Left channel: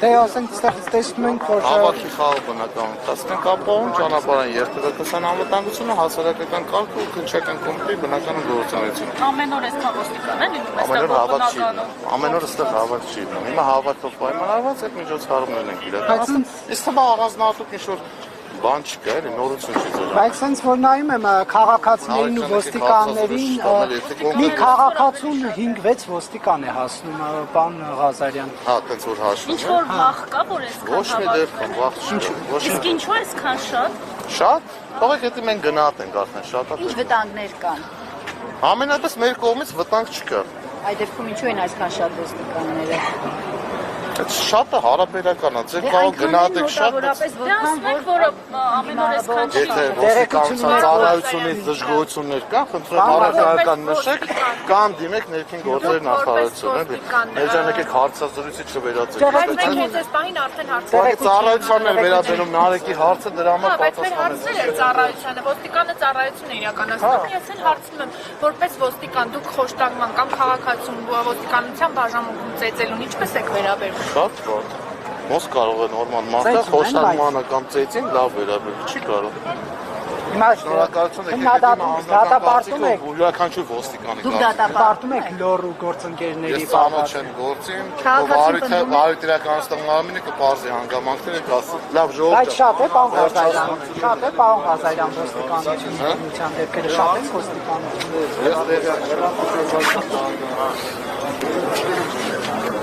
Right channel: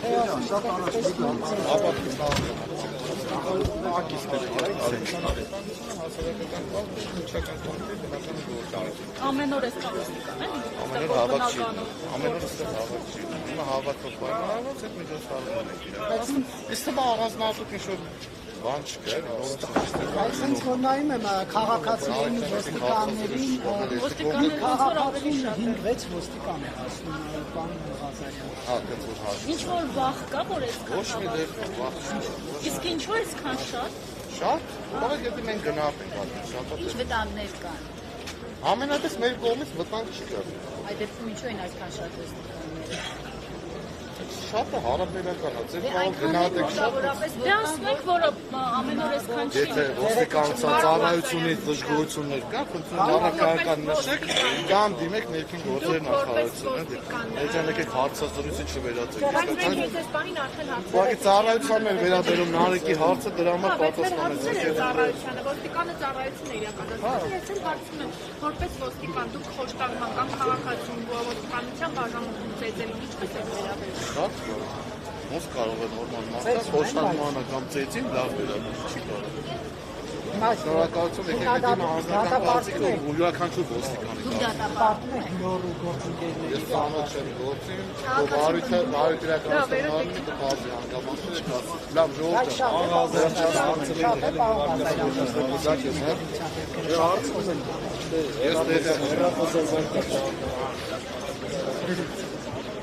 Դե ասենք տեսնում ենք, որ Հավաքի խաղը բնական ընթացքն կապահում ճանապարհային երթուղեկան անվտանգությունը, հասարակական կարգը ու քննչական կոմիտեի բնական գործունեությունը։ Ամեն օր էսքան ոստիկան են լինում, Ամեն օր հավաք չի լինում։ Ամեն օր այստեղ հավաք չի լինում։ Հիմա հավաքով պայմանավորված այդ միջոցառումներն են իրականացնում։ Իսկ թվում է առանձնահատուկ ինչ-որ բան չկա, էլի նորություն չի դրան։ բայց sense որ նայում եմ քաղաքացիներին ու ոստիկաններին, մի քաղաքացուն 5-6 ոստիկան է հասնում, բան Ղազարյան։ Հա, դից որ հաշվում։ Ինչ որ վախ կա, որ էսքան Ոչ մի դեպքում վախ չի։ Իսկ ինչու է էսքան շատ։ Շատ։ Բաղ եթե մենք գնահատ ենք արդեն շատ։ Ինչ վտանգներ կան։ Ամենատես մեր կողմից վտանգ չկա։ Այդ դեպքում ինչու են այսքան շատ ոստիկանները։ Այդ շատը հարաբերական է, ձեր կարող գնահատեք շատ։ Դե ասենք, որ ամեն օր էսքան չի։ Եթե ոստիկանության ծառայությունից դժգոհություններ կան, խնդրեմ առարկայական նշեք կամ դիմեք ներքին գործերի նախարարություն, էլի։ Մեջան եկեք հարցազրույցի չվերածեք։ Բայց մենք այդ պահին արդեն Ուղղակի ծառայությունն էր վերաբերում Նարեկի հարցը, դրա համար պատասխանեցի։ ծառայությանը, ոստիկանը ծառայություն է իրականացնում, ես էլ հարցնում եմ, որպես ոստիկան դուք խոշտակման կամ քաղաքացու ոստիկանության բաժանմունքում ծեծելուն ինչպես եք վերաբերվում։ Շատ վատ։ Ոնց կարող է նորմալ մարդը խոշտակմանը կամ ծեծին լավ վերաբերել, չի կարող։ Հիմա Շնորհակալություն դատապարտում եք, յուրաքանչյուր ոստիկանի Դուք կարգ։ դատապարտում եք լոռու գործընկերների Ես ամոթ չեմ գործին, բարի իրականացնող ամինը կբարձի հանգամանքները կասի։ Լավ Բայց ժողովուրդ։ շատ է պարոն Ղազարյան, շատ է պարոն Ղազարյան ոստիկանության դեպքերը շատ է ոստիկանություն։